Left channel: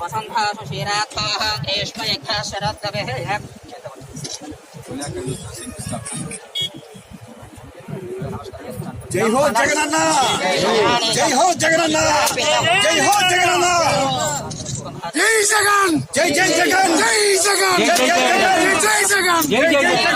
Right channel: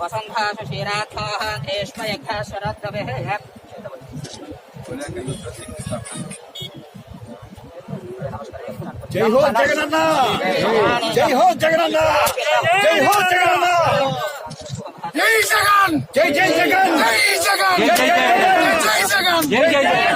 వసంతాసు క్షీరాత్మాః గ్రీష్మయజ్ఞ శరద్రవిః జై హో జగనన్న! జై హో జగనన్న! జై హో జగనన్న! జై జగన్ జై జై జగన్ జై జగన్ జై జై జగన్ జై జగన్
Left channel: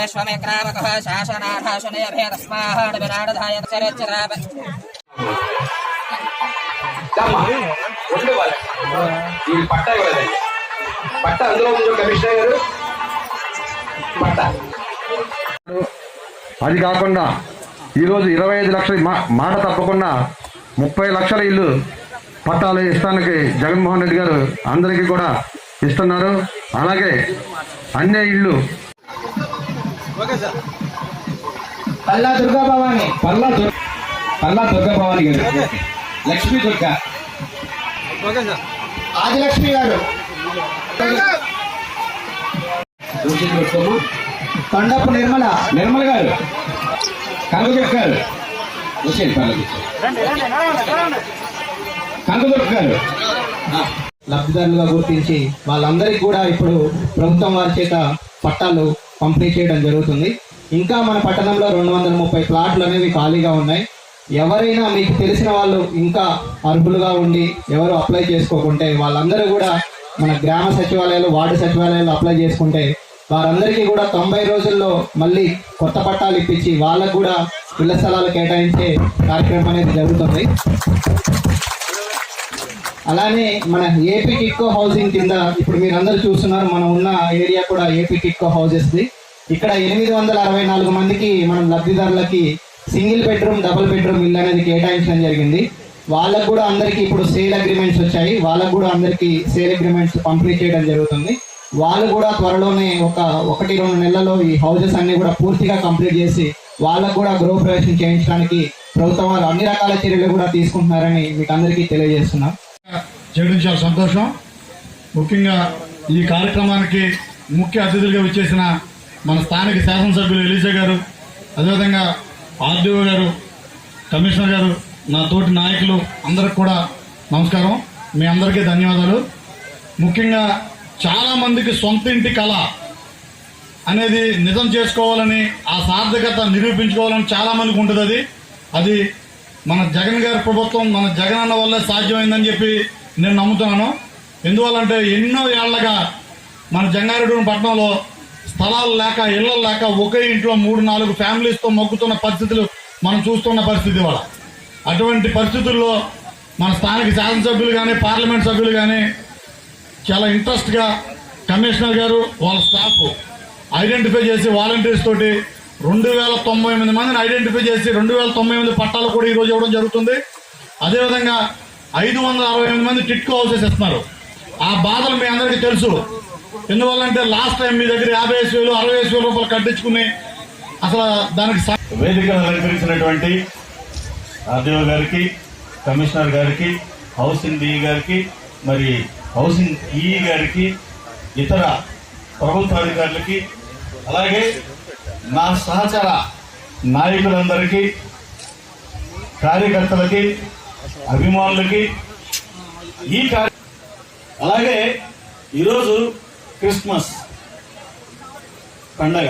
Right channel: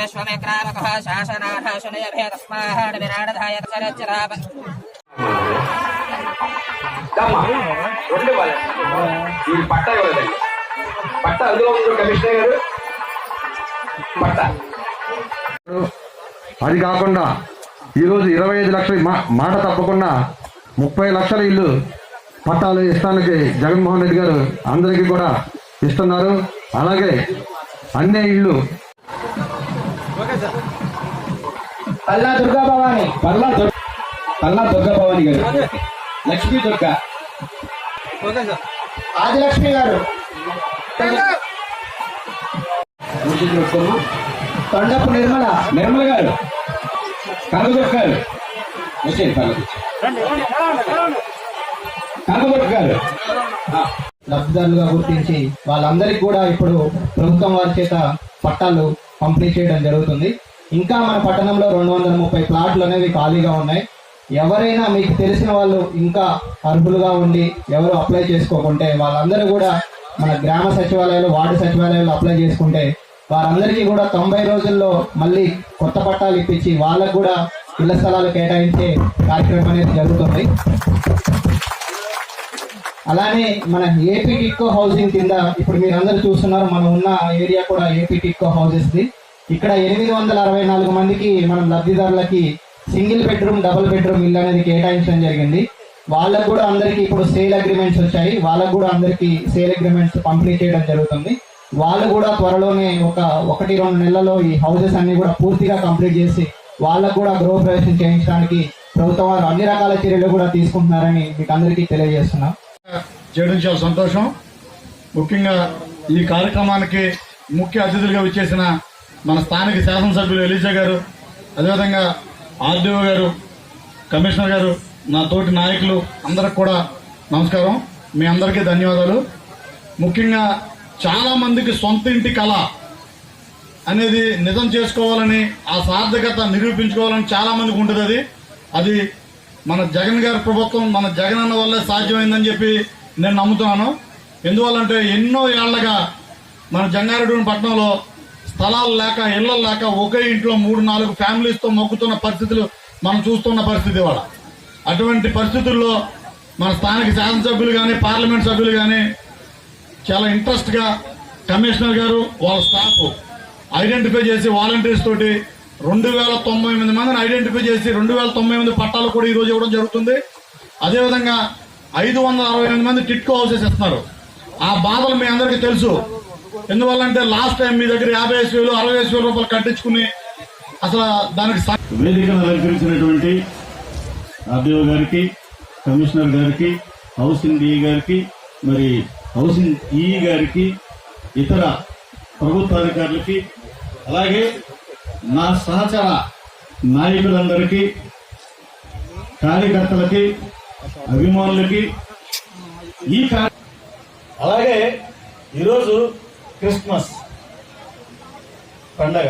విశ్వమిక్రామక శాసనాథాశనయభేదస్మాహాడ్ విరాడధాయ చరచరాప రెండు వాళ్ళ. ఈ పట్ట ఇవ్వలేదండి పట్ట అందులో ఉంది కమిషనర్ గారు. పట్ట. అది కాకుండా ఈరోజు ఇరవై ఐదు లక్షల మాట తప్పకుండా ముప్పై లక్షల ఇల్లు పట్టాలు ఇస్తానికి జగన్మోహన్ రెడ్డి గారు అందరికీ కూడా ఇస్తున్నారు. అలాగే అన్ని ఇళ్ళు పల్లా దుర్గా భవాని పల్లా దుర్గా భవాని గారు. లక్ష్మీ దుర్గ. ఆదిలక్ష్మి గారు. కొండపు నిర్మల. నిర్మల గారు. కనకదుర్గ గారు. వచ్చేది పర్లేదు. కనకదుర్గ గారు. లబ్ధిదారులుగా గుర్తించి వాళ్ళందరికీ కూడా ఇప్పుడు ప్రభుత్వం వారి చేత పట్టాలు పంపిణీ చేయడం జరుగుతుంది. ఇంకా మన పట్టణంలో రెండు వందల ముప్పై ప్లాట్లు అనేవి ఖాళీగా ఉన్నాయి. ఎవరైనా మీకు తెలిసిన వాళ్ళు ఇంకా అర్హులుగా ఉండి ఎవరు అప్లై చేసుకోకుంటే వాళ్ళందరూ కూడా మన గ్రామ సచివాలయాలు వార్డు సచివాలయాలు అప్లై చేసుకుంటే వారందరికీ కూడా తొంభై రోజుల్లో మళ్ళీ కొత్త పట్టాలు ఇప్పించి వాళ్ళకు కూడా ఇళ్ళ స్థలాలు కేటాయించే కార్యక్రమం అనేది జరుగుతుంది. అలానే మన ఏపీ టిక్కో హౌసింగ్ కింద ఇప్పుడు మీరు అందరూ చూస్తున్నారు మనం ఉన్న ఏరియా కూడా ఏపీ టిక్కో హౌసెస్ది. ఇక్కడ ఎనిమిది వందల అరవై నాలుగు మందికి మనం లబ్ధిదారులకి సింగిల్ బెడ్రూమ్ డబుల్ బెడ్రూమ్ ఇల్లు అనేది కేటాయించడం జరిగింది. వాళ్ళకు కూడా అందరికీ ఇప్పుడు సేల్ అగ్రిమెంట్స్ వచ్చాయి. వాళ్ళకు కూడా అందరికీ సేల్ అగ్రిమెంట్స్ పంపిణీ చేయడం జరుగుతుంది. వాళ్ళు కూడా త్వరలోనే ఒక ఒకటి రెండు నెలల్లో ఈ హౌసెస్ అన్ని కూడా పూర్తిగా కంప్లీట్ చేసి వాళ్ళకు కూడా గృహ ప్రవేశం చేయించడానికి ప్రభుత్వం వారు అన్ని రకాల చర్యలు కూడా తీసుకుంటున్నారని మీకు అందరికీ తెలియజేస్తున్నాం. చేయడం చాలా సంతోషం. ముఖ్యంగా ఈ కార్యక్రమానికి ముఖ్య అతిథులుగా వచ్చేసిన మన స్థానిక శాసనసభ్యులు ఎలీసా గారు అదేవిధంగా ఆర్డీఓ గారు కమిషనర్ గారు నా తోటి నాయకులు అందరికి కూడా నమస్కారం. మీ అందరికీ ధన్యవాదాలు. ముఖ్యంగా చాలా మందికి సొంత ఇంటి కళ అనేది నిజం చేసుకోవాలని ఆ సార్థకత నిరూపించుకోవాలని చాలా మందికి ఉంటుంది అది. అది మన జగన్ గారి ప్రభుత్వం మన జగన్ అన్న వల్లే సాధ్యమైందని చెప్పి నేను నమ్ముతున్నాను. ఎందువల్లంటే ఎన్నో ఏళ్ళగా మన జంగారెడ్డి పట్టణంలో స్థలాలు లేక ఇళ్ళు లేక ఒకే ఇంట్లో మూడు నాలుగు ఫ్యామిలీస్తో మొక్కుతున్న పరిస్థితులు మనం చూస్తున్న పరిస్థితి వాళ్ళ అటువంటి పరిస్థితుల్లో మన స్థానిక శాసనసభ్యులు కానీ పార్లమెంట్ సభ్యులు కానీ చాలా ఇంట్రెస్ట్గా కమిషనర్ గారు వాళ్ళ స్టాఫ్ ఐడెంటిఫై చేసి వాలంటీర్స్ తోటి రెండు వేల తొంభై ఎనిమిది మందిని ఐడెంటిఫై చేసి రెండు వేల తొంభై ఎనిమిది పట్టాలు కూడా ఈరోజు ఇవ్వడం జరుగుతుంది. అదేవిధంగా ఐదు వందల అరవై ఎనిమిది మంది టిట్కో హౌసెస్ ఇస్తున్నారు. ఆ బాధలు మీ అందరికీ తెలుసు. ఎందువల్లంటే లాస్ట్ టైం మీ దగ్గర యాభై ఐదు వేలు అరవై ఐదు వేల రూపాయలు కట్టించుకుని అసలు దానికి స- వేదిక అలంకరించినటువంటి ఆర్డీఓ గారికి కమిషనర్ గారికి హౌసింగ్ డిఈ గారికి మరి హౌసింగ్ ఈఈ గారికి ఇతర ప్రభుత్వ అధికారులకి అలాగే నా సహచర నాయకులందరికీ కార్యకర్తలకి అభిమానులకి ఈ అలాగే ఈరోజు క్రిస్మస్ పండగ.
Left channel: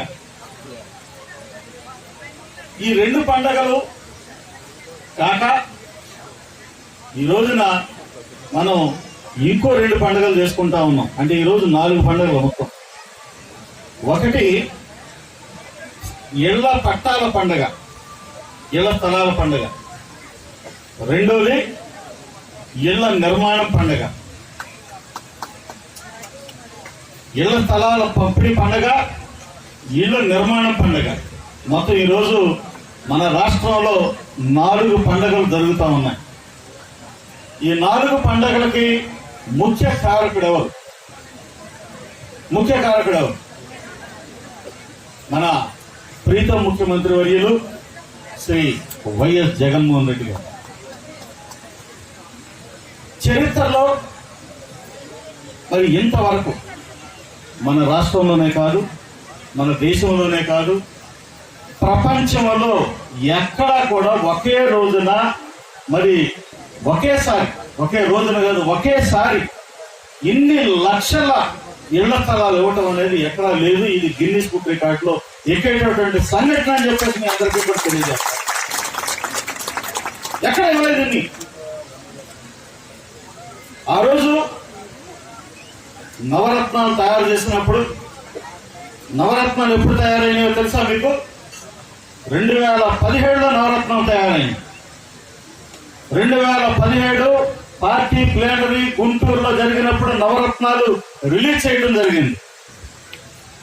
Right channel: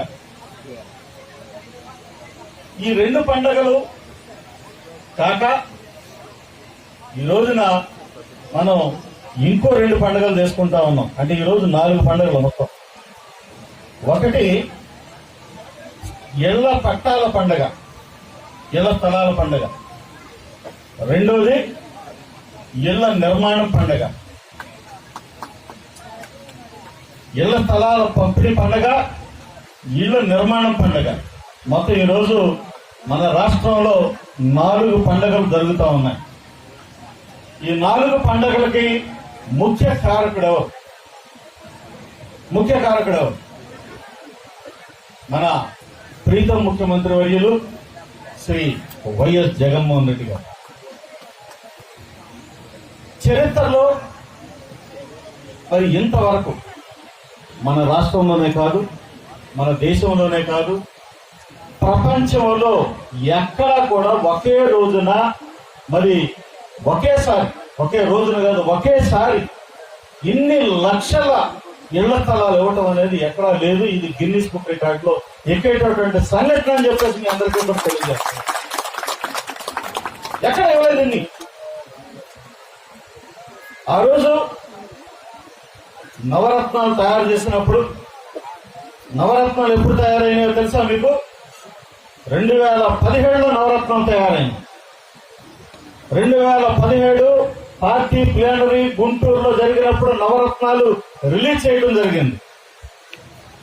ఈ రెండు పండగలు కాక ఈ రోజున మనం ఇంకో రెండు పండుగలు చేసుకుంటా ఉన్నాం. అంటే ఈరోజు నాలుగు పండుగలు మొత్తం. ఒకటి ఇళ్ళ పట్టాల పండగ. ఇళ్ళ స్థలాల పండగ. రెండోది ఇళ్ళ నిర్మాణం పండగ. ఇళ్ళ స్థలాల పంపిణీ పండగ ఇళ్ళ నిర్మాణం పండగ. మొత్తం ఈరోజు మన రాష్ట్రంలో నాలుగు పండగలు జరుగుతూ ఉన్నాయి. ఈ నాలుగు పండగలకి ముఖ్య కారకుడెవరు ముఖ్య కారకుడెవరు మన ప్రీతం ముఖ్యమంత్రి వర్యులు శ్రీ వైఎస్ జగన్మోహన్ రెడ్డి గారు. చరిత్రలో మరి ఇంతవరకు మన రాష్ట్రంలోనే కాదు మన దేశంలోనే కాదు ప్రపంచంలో ఎక్కడా కూడా ఒకే రోజున మరి ఒకేసారి ఒకే రోజున కాదు ఒకేసారి ఇన్ని లక్షల ఇళ్ళ స్థలాలు ఇవ్వటం అనేది ఎక్కడా లేదు. ఇది గిన్నిస్ బుక్ రికార్డ్లో ఎక్కేటటువంటి సంఘటన అని చెప్పేసి మీ అందరికీ కూడా తెలియజేస్తాను ఎక్కడ ఇవ్వలేదు ఆ రోజు నవరత్నాలు తయారు చేసినప్పుడు నవరత్నాలు ఎప్పుడు తయారైనాయో తెలుసా మీకు? రెండు వేల పదిహేడులో నవరత్నం తయారైంది రెండు వేల పదిహేడు పార్టీ ప్లేనరీ గుంటూరులో జరిగినప్పుడు నవరత్నాలు రిలీజ్ చేయడం జరిగింది.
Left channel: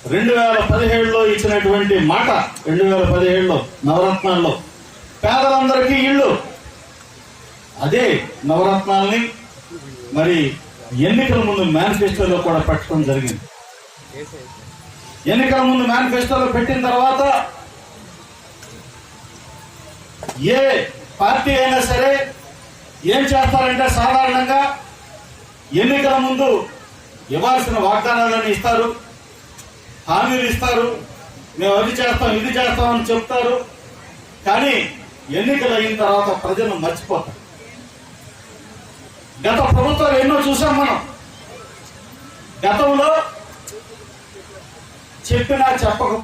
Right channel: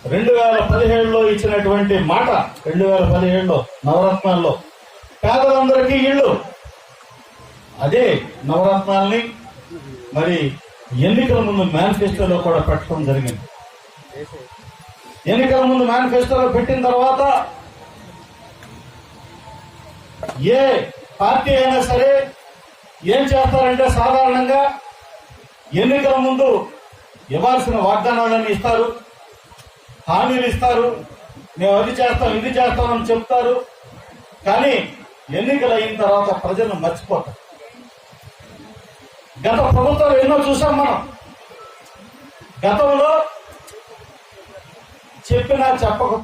రెండు వేల పదిహేడులో ఇచ్చినటువంటి మాట రెండు వేల పదిహేడులో నవరత్నాల్లో పేదలందరికీ ఇళ్ళు అదే నవరత్నాల్ని మరి ఎన్నికల ముందు మేనిఫెస్టోలో కూడా పెట్టడం జరిగింది. ఎన్నికల ముందు మేనిఫెస్టోలో పెట్టిన తర్వాత ఏ పార్టీ అయినా సరే ఏం చేస్తారంటే సాధారణంగా ఎన్నికల ముందు ఇవ్వాల్సిన వాగ్దానాలను ఇస్తారు. హామీలు ఇస్తారు. మేము అది చేస్తాం ఇది చేస్తాం అని చెప్తారు. కానీ ఎన్నికలు అయిన తర్వాత ప్రజలు మర్చిపోతారు. గత ప్రభుత్వాలు ఎన్నో చూసాం మనం. గతంలో చెప్పినా చెప్పక